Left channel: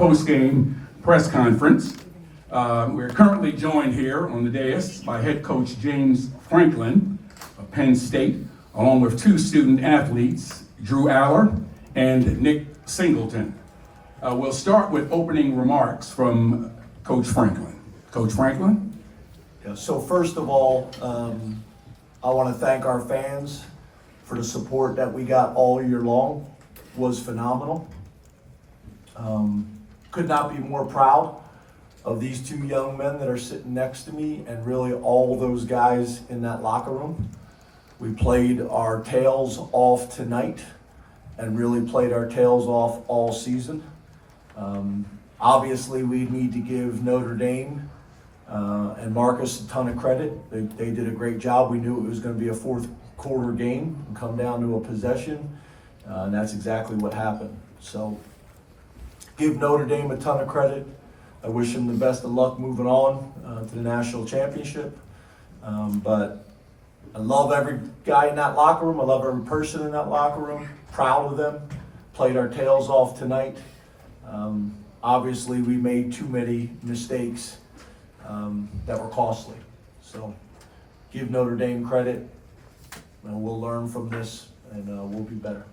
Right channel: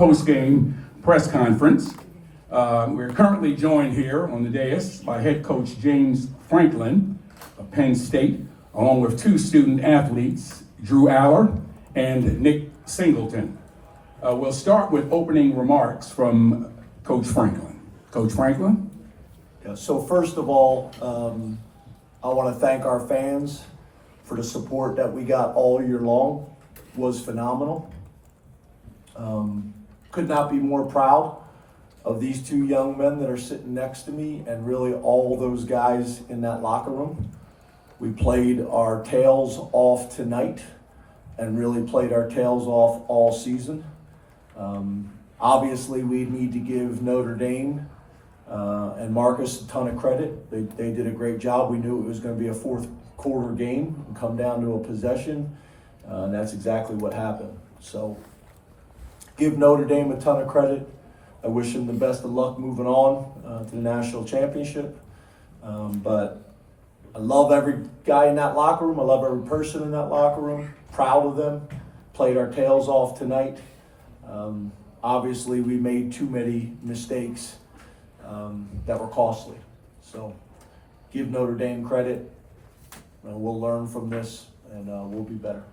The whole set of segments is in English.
post-game press conference. We're currently joined here on the dais by head coach James Franklin of Penn State, along with two student athletes, Drew Allar and Nick Singleton. We'll start with opening remarks from Coach Franklin. Coach Franklin? Yeah, so first of all, I want to thank our fans for the support that we got all year long. It was phenomenal. Could not be more proud of these two young men that are sitting next to me and really all those guys in that locker room. We played our tails off tonight and really played our tails off all season. Obviously, we need to give Notre Dame and Marcus a ton of credit. They did a great job. We knew it was going to be a fourth quarter game and come down to a possession, and that's exactly what happened. So give Notre Dame a ton of credit. I wish them the best of luck moving on to the national championship. But I love every guy in that locker room. I love every person in that locker room. Proud of them. Played our tails off tonight. Obviously, we made too many mistakes that were costly. So give Notre Dame credit, and we'll learn from this, and we'll be better.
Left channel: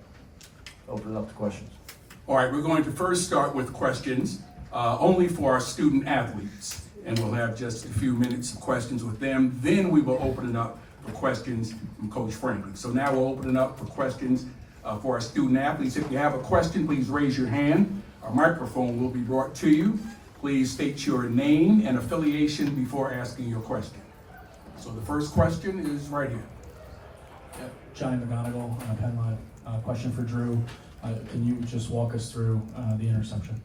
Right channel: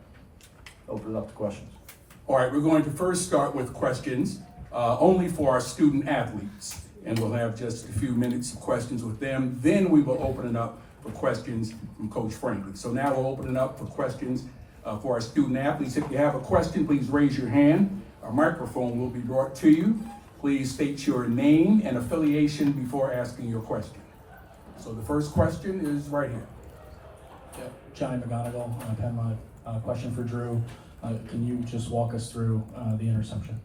Open it up to questions. All right, we're going to first start with questions only for our student athletes, and we'll have just a few minutes of questions with them. Then we will open it up for questions from Coach Franklin. So now we'll open it up for questions for our student athletes. If you have a question, please raise your hand. Our microphone will be brought to you. Please state your name and affiliation before asking your question. So the first question is right here. Johnny McGonigal, Penn. Question for Drew. Can you just walk us through the interception?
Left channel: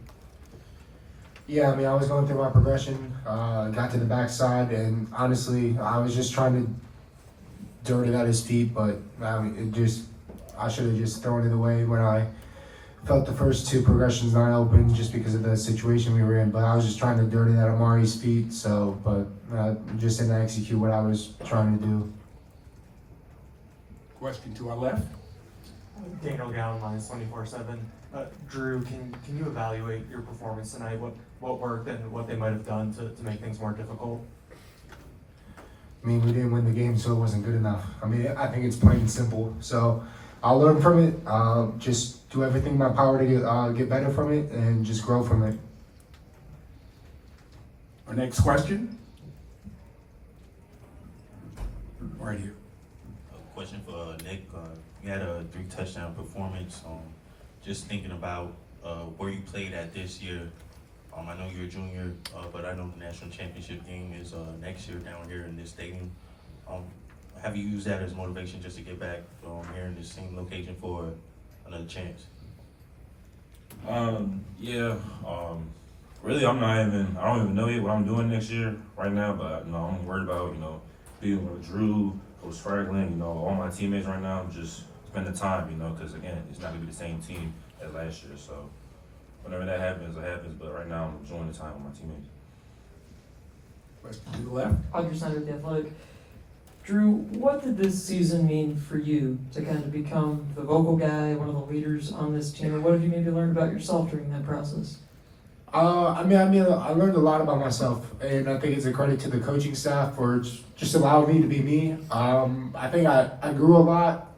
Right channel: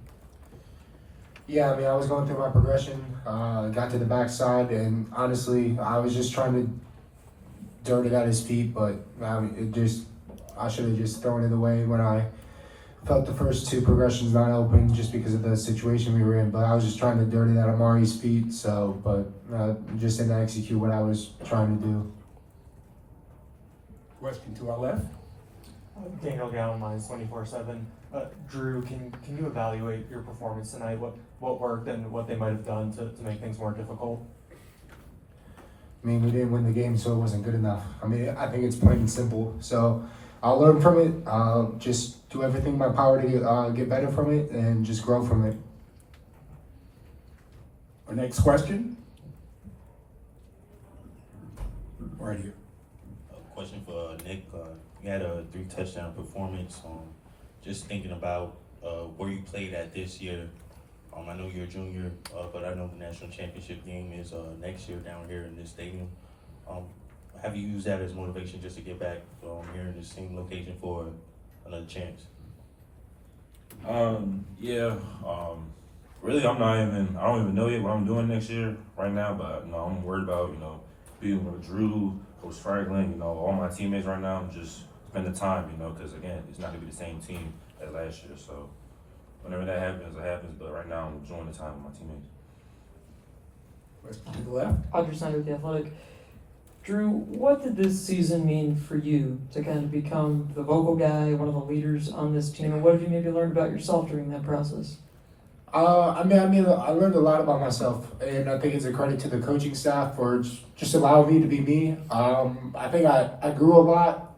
Yeah, I mean, I was going through my progression, got to the backside, and honestly, I was just trying to dirt it at his feet, but I should have just thrown it away when I felt the first two progressions not open just because of the situation we were in, but I was just trying to dirt it at Amari's feet, but just didn't execute what I was trying to do. Question to our left. Daniel Gowan, Lions 24/7. Drew, can you evaluate your performance tonight? What worked and what they might have done to make things more difficult? I mean, we didn't win the game, so it wasn't good enough. I mean, I think it's plain and simple. So I'll learn from it, just do everything in my power to get better from it and just grow from it. Our next question. Right here. A question for Nick. You had a 3-touchdown performance. Just thinking about where you played at this year. I know you're a junior, but I know the national championship game is next year down here in this stadium. Have you used that as motivation just to get back here in the same location for another chance? Really, I don't even know yet what I'm doing next year right now, but I'm worried about, being with Drew, Coach Franklin, all my teammates right now. Just spend the time, because again, it's not gonna be the same team as last year. So whenever that happens, it happens. But right now, I'm enjoying the time with my teammates. Question to the left. Audrey Snyder with The Athletic. Drew, what did this season mean for you to kind of become the vocal guy, one of the leaders on this team? And what did you maybe learn about yourself during that process? I learned a lot about myself, and I think it's a credit to the coaching staff for just allowing me to be me. I think I grew a lot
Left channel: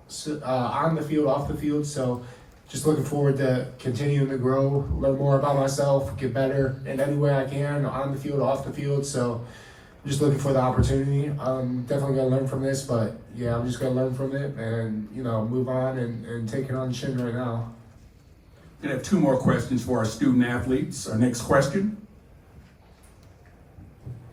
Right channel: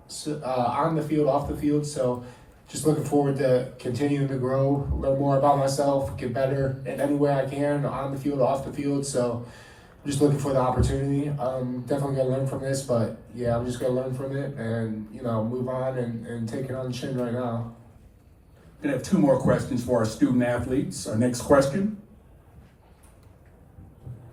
on the field, off the field, so just looking forward to continuing to grow, learn more about myself, get better in any way I can, on the field, off the field. So just looking for the opportunity. I'm definitely going to learn from this, but yeah, I'm just going to learn from it and, move on and take it on the chin right now. We're going to have two more questions for our student athletes. Our next question.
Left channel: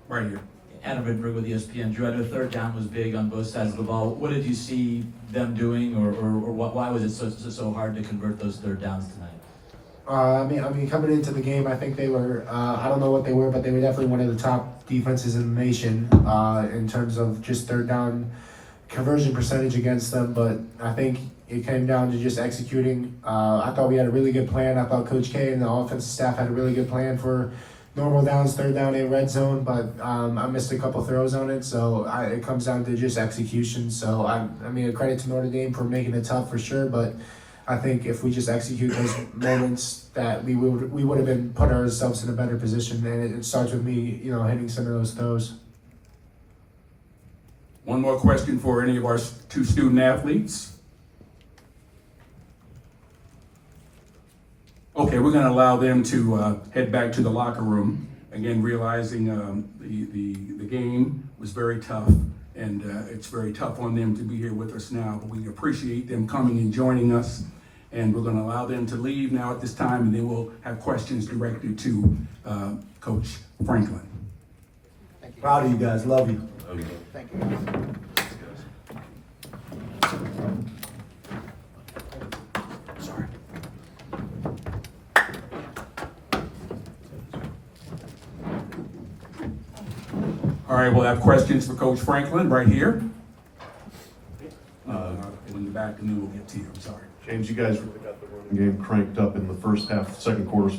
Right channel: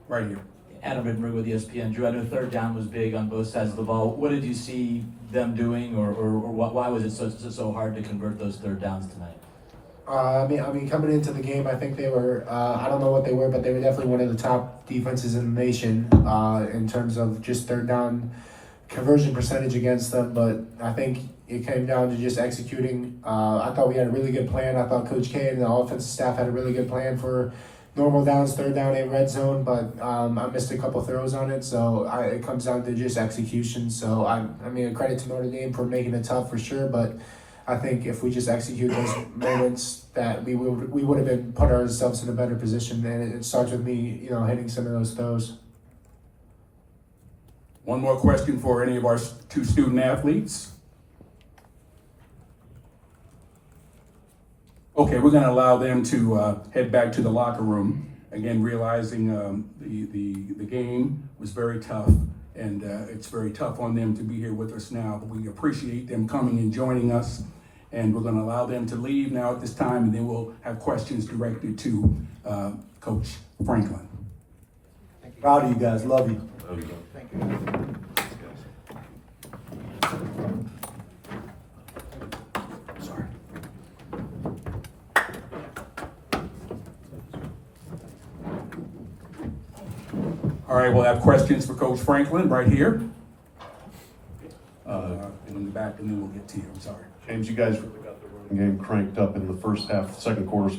Right here. Adam Rittenberg with ESPN. Drew, I know third down was big on both sides of the ball. What did you see them doing, or why was it so hard to convert those third downs tonight? Coming into the game, I think they were, I don't know what they were, but they were definitely one of the top defenses in the nation in terms of just third down conversion percentage against them. But I think it came down to just executing. I thought we had a really good plan. I thought Coach K and the offensive staff had a really good plan for normal downs, third down, and red zone, but I missed a couple throws on it, so it comes down to just execution. So a credit to Notre Dame for making it tough for sure, but I think if we just execute those moments, that we would have been put ourselves in a better position. And it starts with me, hitting some of those throws. One more question for any of our two student athletes. Okay, we're going to allow them to head back to the locker room. Again, realizing the game was very tough, and it's very tough on them to be here with us now. But we appreciate them coming and joining us, and we're going to allow them to leave now at this time, and then we'll have questions directed to Coach Franklin. Proud of you guys, love you. Thank you. Sorry. All right, we'll have questions for Coach Franklin right here. In the back, and then we'll get to you. I'm sorry. James, you guys really got the running game cranked up in the first half, second quarter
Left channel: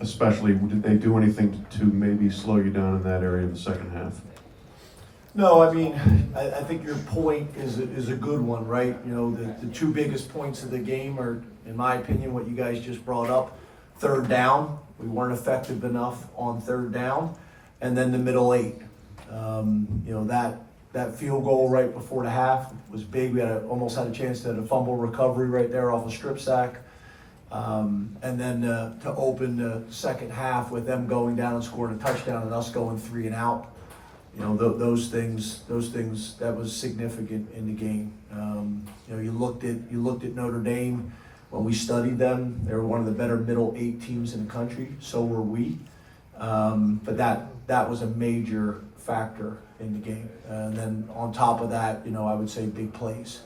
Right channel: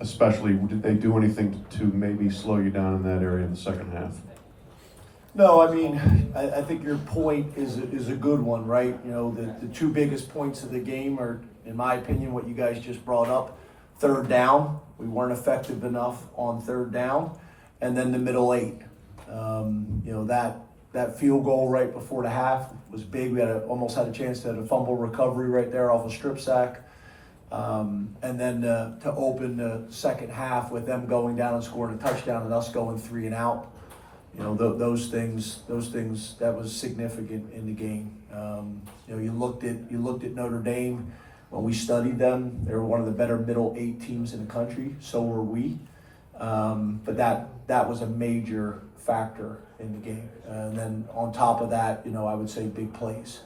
especially. Did they do anything to maybe slow you down in that area in the second half? No, I mean, I think your point is a good one, right? The two biggest points of the game are, in my opinion, what you guys just brought up. Third down, we weren't effective enough on third down, and then the middle eight. That field goal right before the half was big. We almost had a chance to have a fumble recovery right there off a strip sack. And then to open the second half with them going down and scoring a touchdown and us going 3 and out. Those things that was significant in the game. You looked at Notre Dame. When we studied them, they were one of the better middle 8 teams in the country. So were we. But that was a major factor in the game. And then on top of that, I would say big plays.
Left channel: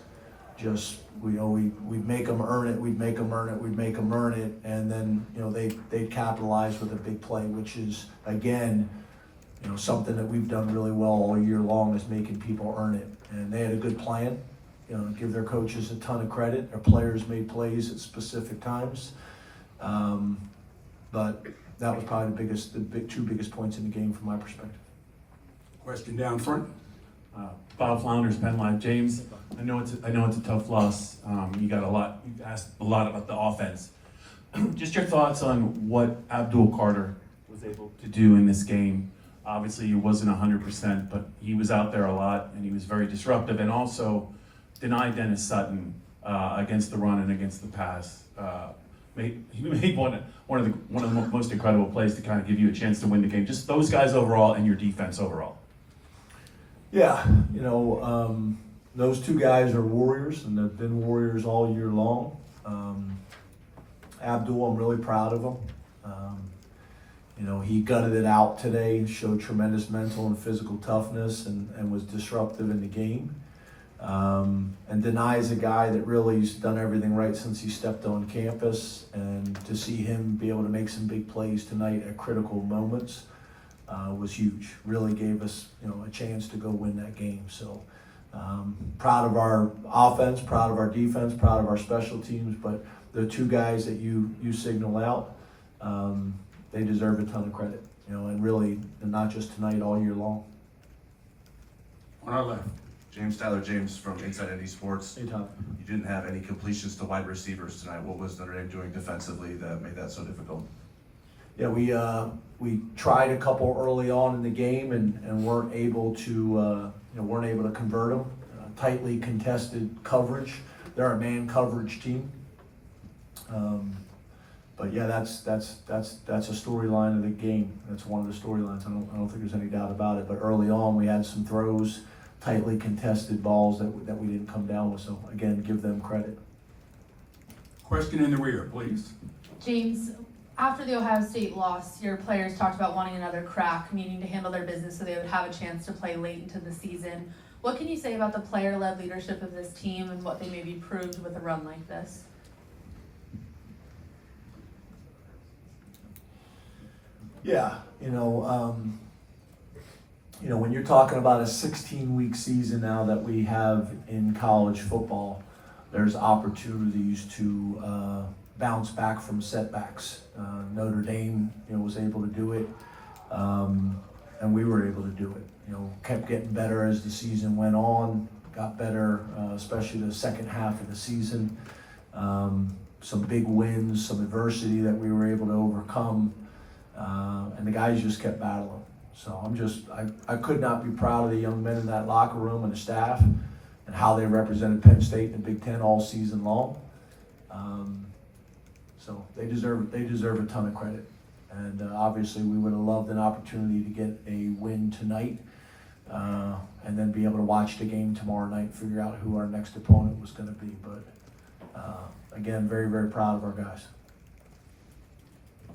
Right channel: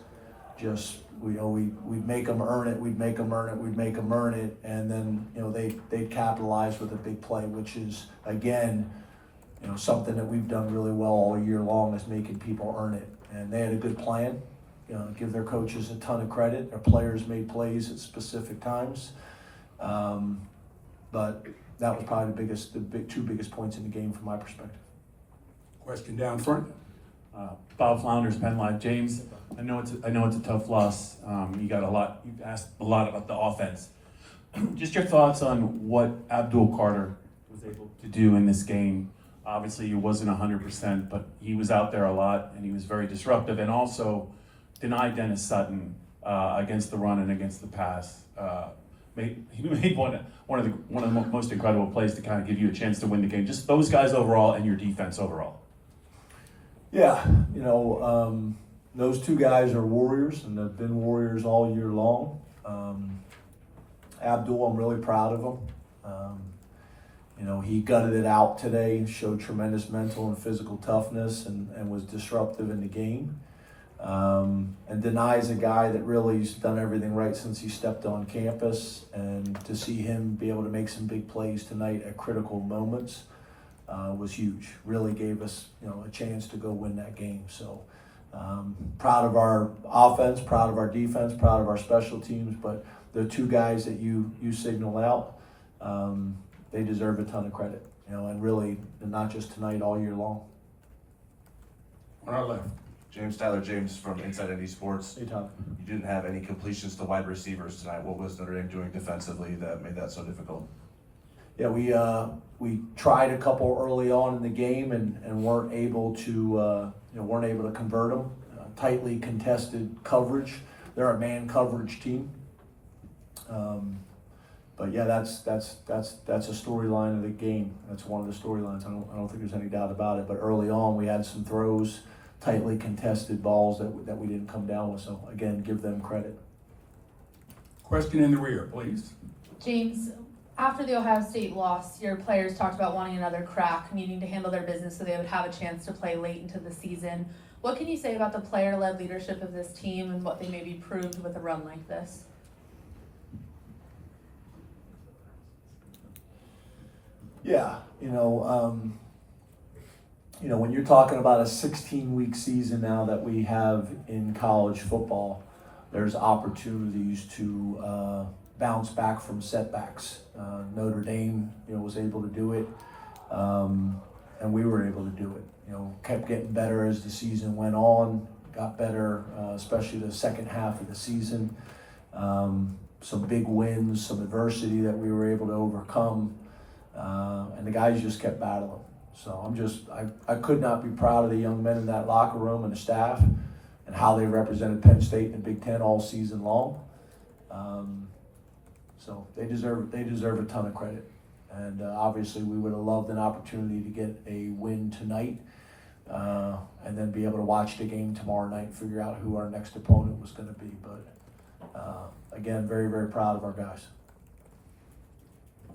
Just we'd make them earn it. We'd make them earn it. We'd make them earn it. And then they'd capitalize with a big play, which is again. Something that we've done really well all year long is making people earn it. And they had a good plan. Give their coaches a ton of credit. Their players made plays at specific times. But that was probably the two biggest points in the game from my perspective. Question down front. Bob Flounders, Penn Live. James, I know it's a tough loss. You asked a lot about the offense. Just your thoughts on what Abdul Carter was able to do in this game. Obviously, he wasn't 100%, but he was out there a lot, and he was very disruptive, and also denied Dennis Sutton against the run and against the pass. He made one of the most incredible plays to kind of give you a chance to win the game. Just those guys overall and your defense overall. Yeah, those two guys are warriors, and they've been warriors all year long. Abdul, I'm really proud of him. He gutted it out today, showed tremendous mental and physical toughness, and was disruptive in the game. And Denai's a guy that really's done everything right since he stepped on campus, and to see him be able to make some big plays tonight at critical moments was huge. Really gave us a chance to go win that game. So proud of our offense, proud of our defense, proud of our special teams, but the two guys that you signal out, they deserve a ton of credit, and really not just tonight, all year long. On our left. James from Inside ND Sports. Hey, Todd. You didn't have any completions to wide receivers tonight. What was Notre Dame doing defensively that made that so difficult? Yeah, we tried a couple early on in the game and weren't able to convert them. Tightly contested coverage. They're a man coverage team. But yeah, that's a storyline of the game. That's one of the storylines. I don't think there's any doubt about it. But early on, we had some throws, tightly contested balls that we didn't come down with. So again, give them credit. Question in the rear, please. James, after the Ohio State loss, your players talked about wanting another crack, needing to handle their business so they would have a chance to play late into the season. What can you say about the player-led leadership of this team and what they maybe proved with a run like this? Yeah, when you're talking about a 16-week season now that we have in college football, there's opportunities to bounce back from setbacks. Notre Dame, was able to do it, and we were able to do it. Kept getting better as the season went on, got better, especially the second half of the season. some big wins, some adversity that we were able to overcome, and the guys just kept battling. So I could not be proud of the young men in that locker room and the staff and how they represented Penn State in the Big Ten all season long. So they deserve a ton of credit. And obviously we would have loved an opportunity to get a win tonight, and then be able to watch the game tomorrow night and figure out who our next opponent was going to be. But again, very, very proud of our guys.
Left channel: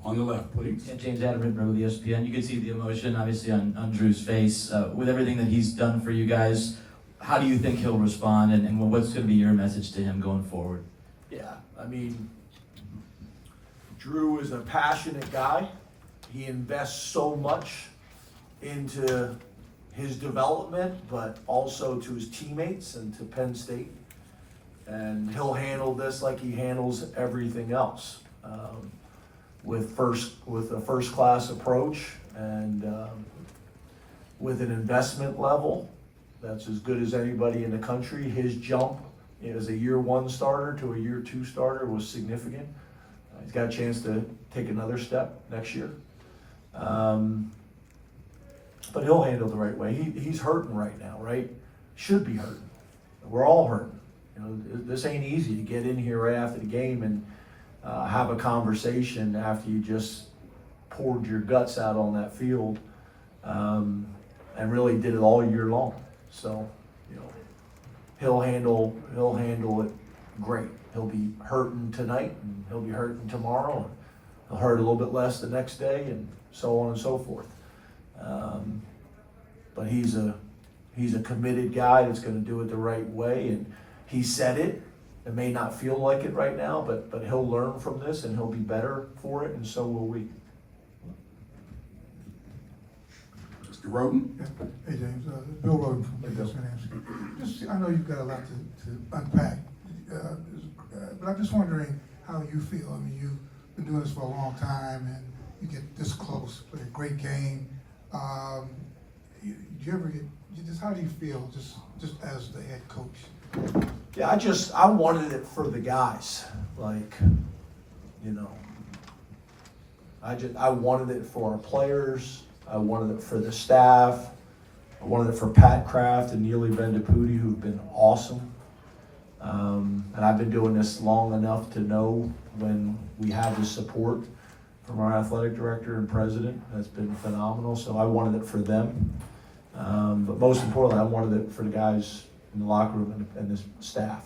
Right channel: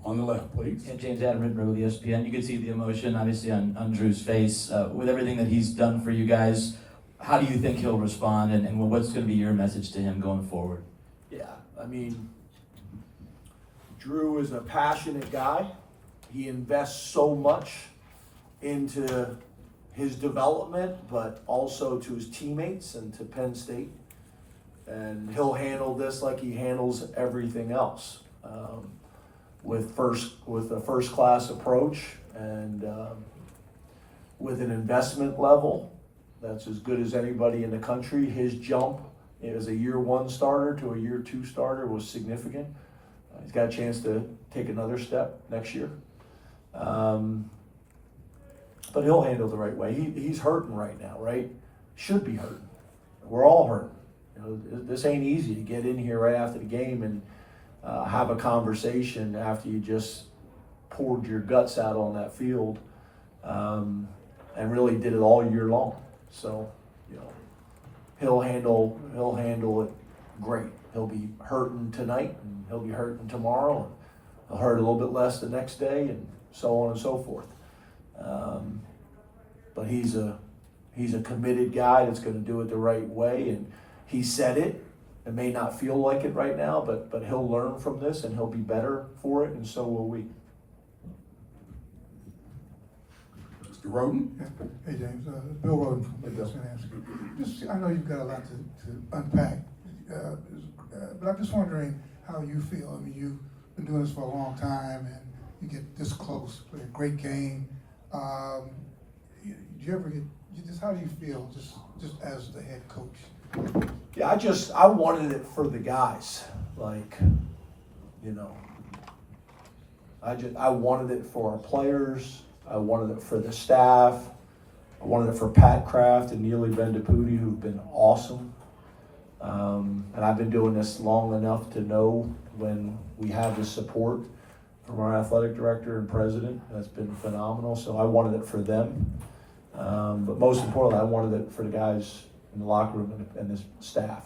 On the left, please. Yeah, James Adam with ESPN. You could see the emotion, obviously, on Drew's face. With everything that he's done for you guys, how do you think he'll respond, and what's going to be your message to him going forward? Yeah, I mean, Drew is a passionate guy. He invests so much into his development, but also to his teammates and to Penn State. And he'll handle this like he handles everything else, with a first-class approach and with an investment level that's as good as anybody in the country. His jump as a year one starter to a year two starter was significant. He's got a chance to take another step next year. But he'll handle it the right way. He's hurting right now, right? Should be hurting. We're all hurting. You know, this ain't easy to get in here right after the game and have a conversation after you just poured your guts out on that field, and really did it all year long. So, you know, he'll handle it great. He'll be hurting tonight, and he'll be hurting tomorrow, and he'll hurt a little bit less the next day, and so on and so forth. But he's a committed guy that's going to do it the right way, and he said it. It may not feel like it right now, but he'll learn from this, and he'll be better for it, and so will we. Mr. Roden? Hey, James, Bill Roden from ESPN. Just, I know you've got a lot to unpack, but I'm just wondering how you feel. I mean, you've been doing this for a long time, and you get this close, play a great game. Do you ever how do you feel just as the head coach? Yeah, I wanted it for the guys, like, you know, I wanted it for our players. I wanted it for the staff. I wanted it for Pat Kraft and Neely Vendapudi, who've been awesome. And I've been doing this long enough to know when we have the support from our athletic director and president. That's been phenomenal. So I wanted it for them. But most importantly, I wanted it for the guys in the locker room and the staff.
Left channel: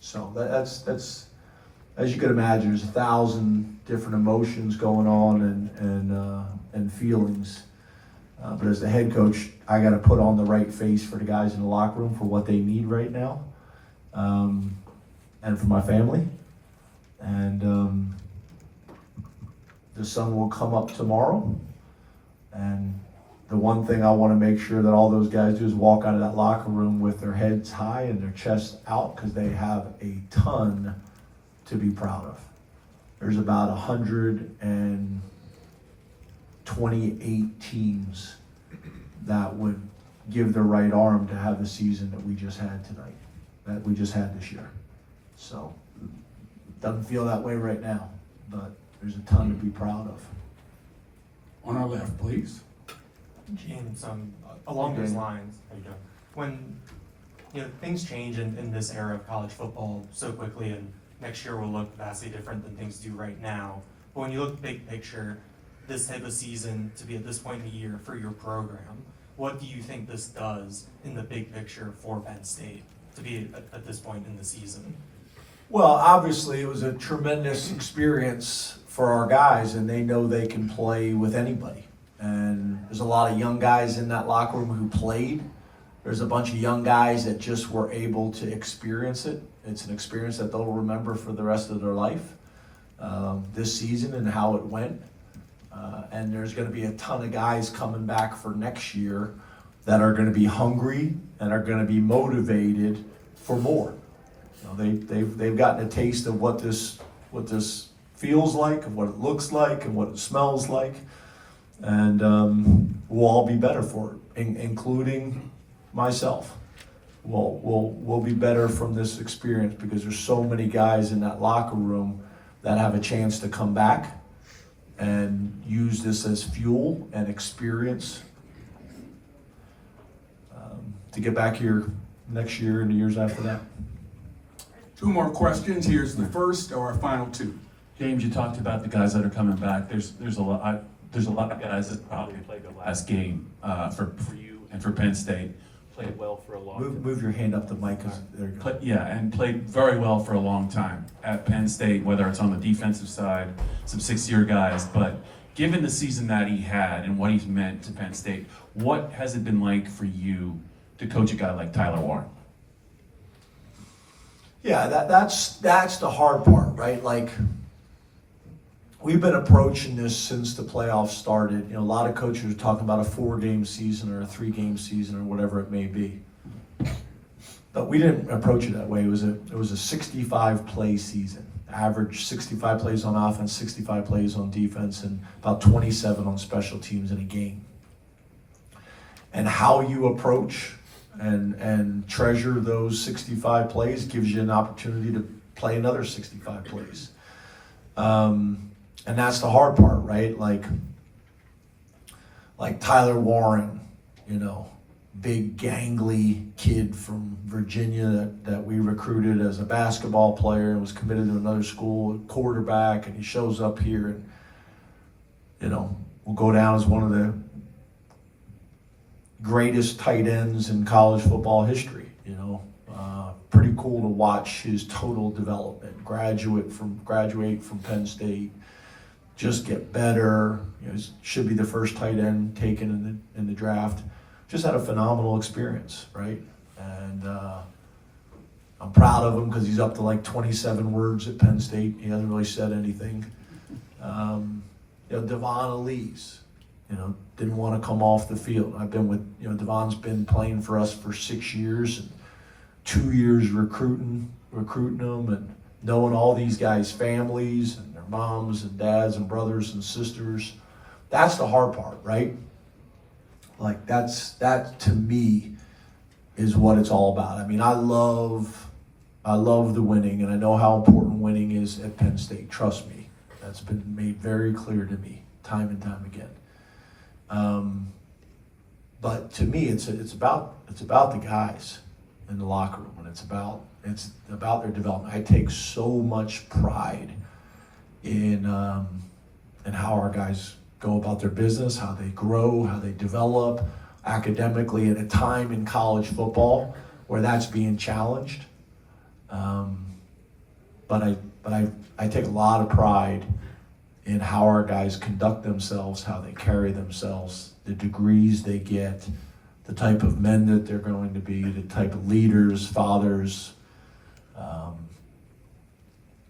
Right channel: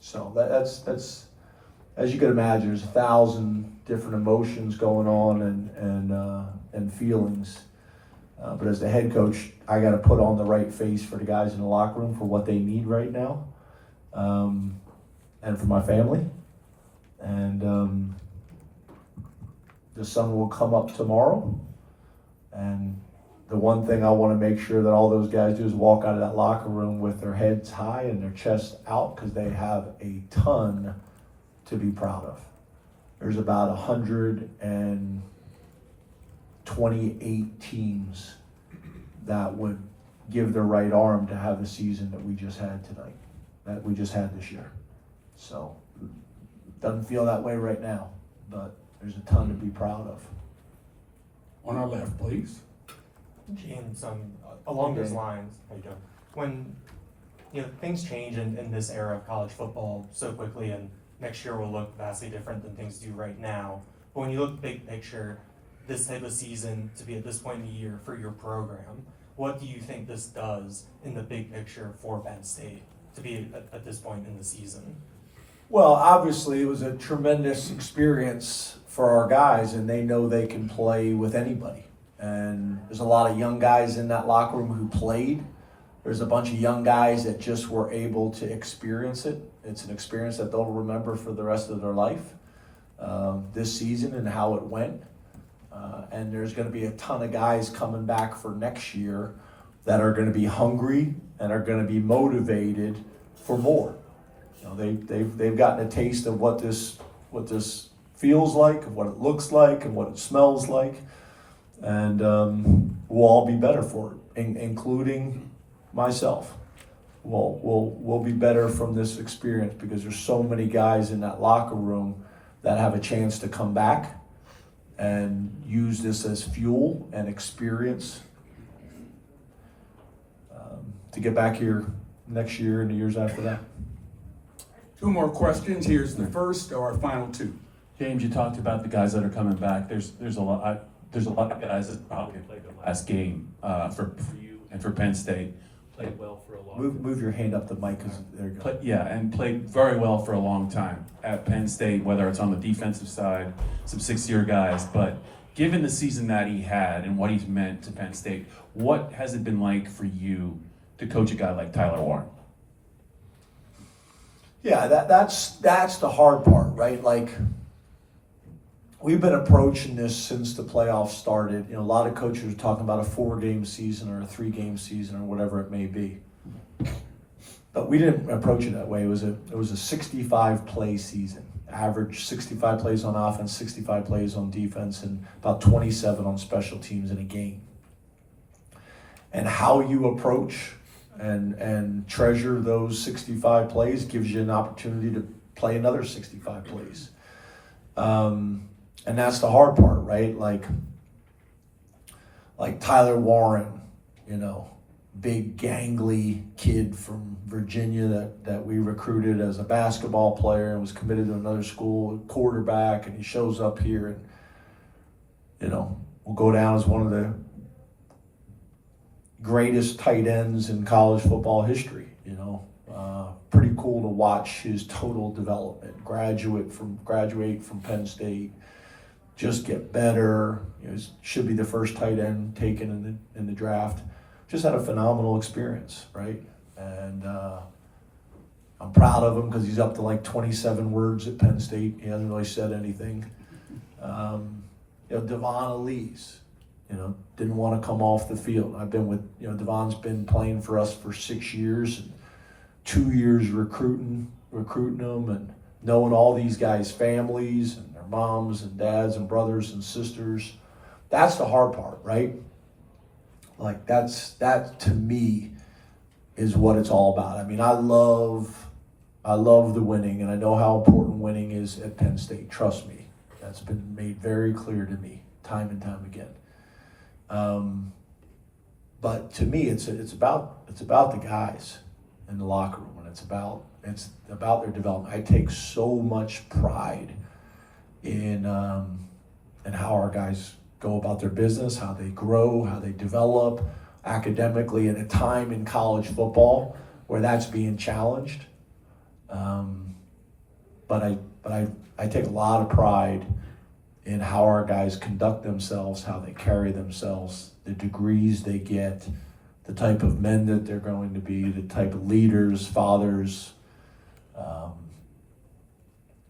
So that's as you can imagine, there's 1,000 different emotions going on and feelings. But as the head coach, I got to put on the right face for the guys in the locker room for what they need right now, and for my family. And the sun will come up tomorrow, and the one thing I want to make sure that all those guys do is walk out of that locker room with their heads high and their chests out, because they have a ton to be proud of. There's about 128 teams that would give their right arm to have the season that we just had tonight, that we just had this year. So, doesn't feel that way right now, but there's a ton to be proud of. On our left, please. James, along those lines, there you go. When things change in this era of college football so quickly, and next year will look vastly different than things do right now. But when you look big picture, this type of season to be at this point in the year for your program, what do you think this does in the big picture for Penn State to be at this point in the season? Well, obviously it was a tremendous experience for our guys, and they know they can play with anybody. And there's a lot of young guys in that locker room who played. There's a bunch of young guys that just were able to experience it. It's an experience that they'll remember for the rest of their life, this season and how it went. And there's going to be a ton of guys coming back for next year that are going to be hungry and are going to be motivated for more. They've gotten a taste of what this feels like, of what it looks like, and what it smells like, and we'll all be better for it, including myself. we'll be better from this experience because there's so many guys in that locker room that have a chance to come back and use this as fuel and experience to get back here next year and the years after that. Two more questions. Here's the first, or our final two. James, you talked about the guys that are coming back. There's a lot of guys that probably played the last game for you and for Penn State. Played well for a long time. Move your hand up the mic, because there you go. And played very well for a long time at Penn State, whether it's on the defensive side, some six-year guys. But given the season that he had and what he's meant to Penn State, what has it been like for you to coach a guy like Tyler Warren? Yeah, that's the hard part, right? Like, we've been approaching this since the playoffs started. You know, a lot of coaches are talking about a 4-game season or a 3-game season or whatever it may be. But we didn't approach it that way. It was a 65-play season. Average 65 plays on offense, 65 plays on defense, and about 27 on special teams in a game. And how you approach and treasure those 65 plays gives you an opportunity to play another 65 plays. And that's the hard part, right? Like Tyler Warren, you know, big gangly kid from Virginia that we recruited as a basketball player and was committed to another school, quarterback, and he shows up here and, you know, will go down as one of the greatest tight ends in college football history, you know. Pretty cool to watch his total development. Graduate from Penn State, just get better. You know, should be the first tight end taken in the draft. Just had a phenomenal experience, right? And I'm proud of him because he's up to like 27 words at Penn State. He hasn't really said anything. You know, Devon Elise, you know, didn't want to come off the field. I've been with, you know, Devon's been playing for us for 6 years, and 2 years recruiting them and knowing all these guys' families and their moms and dads and brothers and sisters. That's the hard part, right? Like that to me is what it's all about. I mean, I love the winning, and I know how important winning is at Penn State. Trust me, that's been made very clear to me time and time again. But to me, it's about the guys in the locker room, and it's about their development. I take so much pride in how our guys go about their business, how they grow, how they develop academically at a time in college football where that's being challenged. But I take a lot of pride in how our guys conduct themselves, how they carry themselves, the degrees they get, the type of men that they're going to be, the type of leaders, fathers.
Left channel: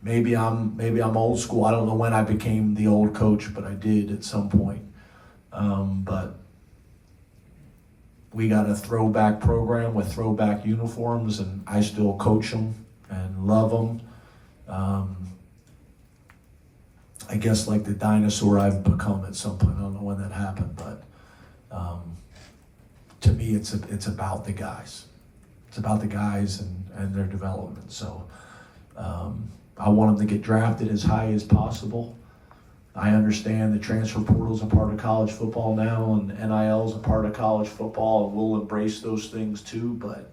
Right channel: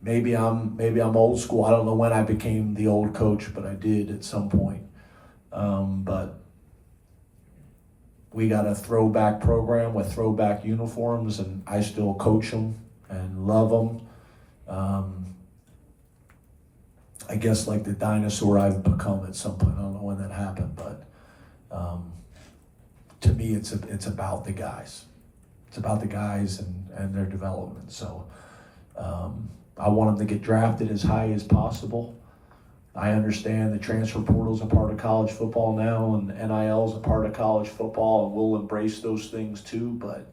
Maybe I'm old school. I don't know when I became the old coach, but I did at some point. But we got a throwback program with throwback uniforms, and I still coach them and love them. I guess like the dinosaur I've become at some point. I don't know when that happened, but to me, it's about the guys. It's about the guys and their development. So I want them to get drafted as high as possible. I understand the transfer portal is a part of college football now, and NIL is a part of college football, and we'll embrace those things too. But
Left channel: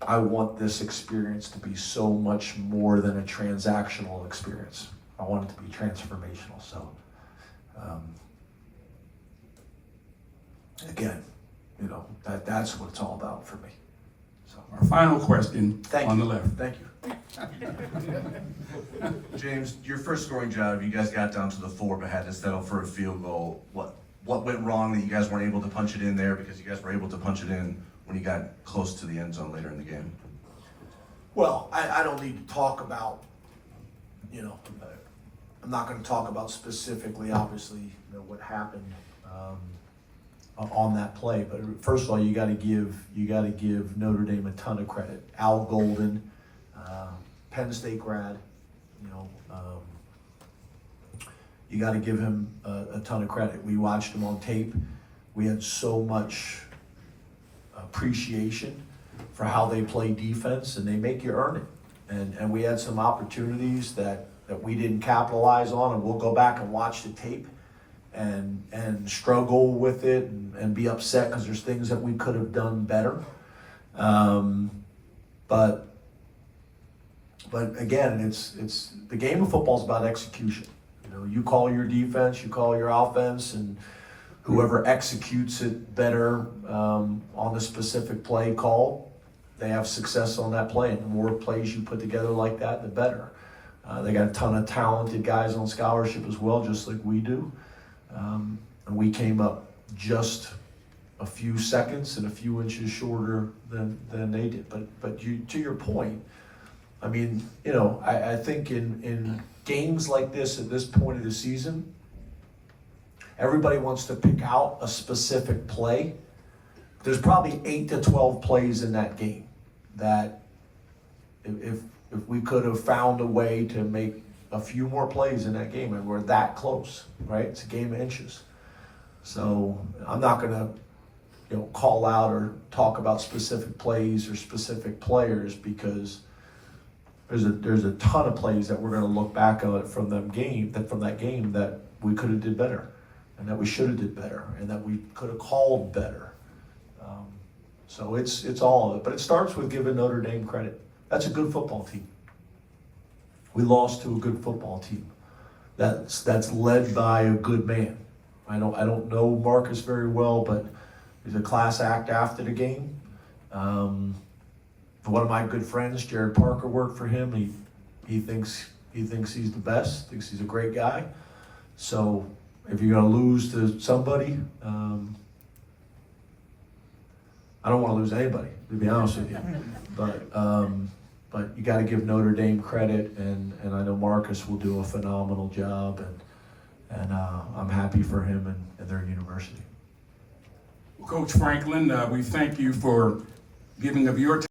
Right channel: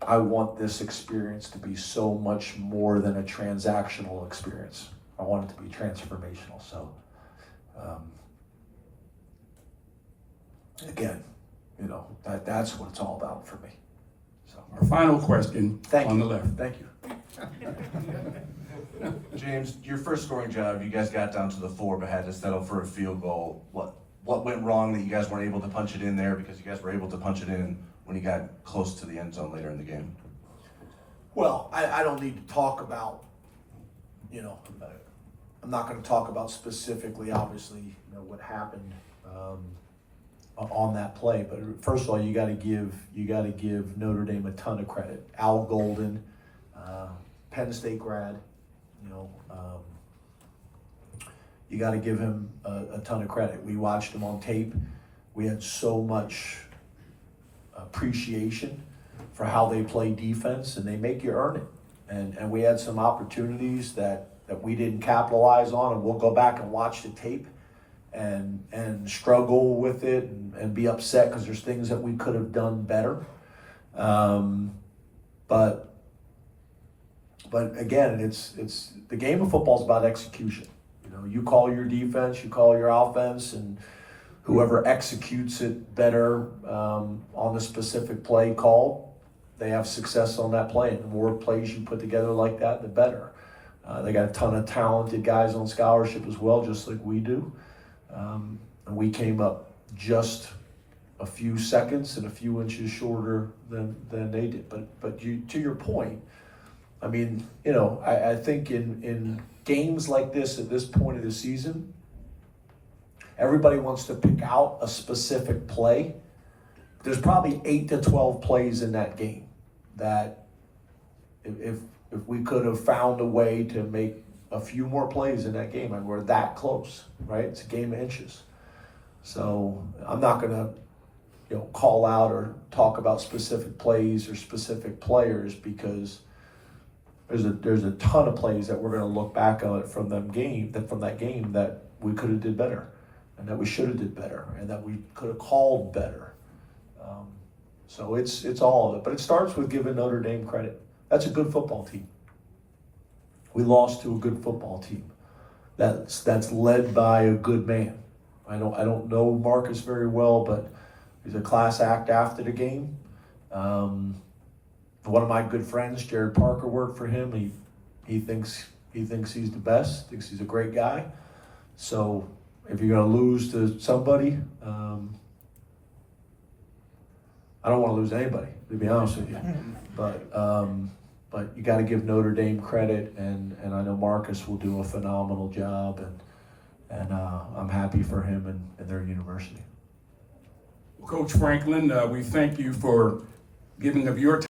I want this experience to be so much more than a transactional experience. I want it to be transformational. So, again, you know, that's what it's all about for me. So, Our final question on the left. Thank you. James, your first scoring drive, you guys got down to the 4 but had to settle for a field goal. What went wrong that you guys weren't able to punch it in there, because you guys were able to punch it in when you got close to the end zone later in the game? Well, I don't need to talk about, you know, I'm not going to talk about specifically, obviously, you know, what happened on that play. But first of all, you got to give Notre Dame a ton of credit. Al Golden, Penn State grad, you know, you got to give him a ton of credit. We watched him on tape. We had so much appreciation for how they play defense, and they make you earn it. And we had some opportunities that we didn't capitalize on, and we'll go back and watch the tape and struggle with it and be upset because there's things that we could have done better. But again, it's the game of football is about execution. You know, you call your defense, you call your offense, and whoever executes it better on the specific play call, they have success on that play. And the more plays you put together like that, the better. They got a ton of talented guys on scholarship as well, just like we do. And we came up just a few seconds and a few inches shorter than they did. But to your point, I mean, you know, I think in games like this at this point of the season, everybody wants to pick out a specific play. There's probably 8 to 12 plays in that game that if we could have found a way to make a few more plays in that game, and we're that close, right? It's a game of inches. So I'm not gonna, you know, call out or talk about specific plays or specific players, because there's a ton of plays that we're gonna look back on it from that game that we could have did better, and that we should have did better, and that we could have called better. So it's all of it, but it starts with giving Notre Dame credit. That's a good football team. We lost to a good football team. That's led by a good man. I don't know Marcus very well, but he's a class act after the game. One of my good friends, Jared Parker, worked for him. He thinks he's the best. Thinks he's a great guy. So if you're going to lose to somebody, I don't want to lose anybody, to be honest with you. But you got to give Notre Dame credit, and I know Marcus will do a phenomenal job, and I'm happy for him and their university. Coach Franklin, we thank you for giving of your time.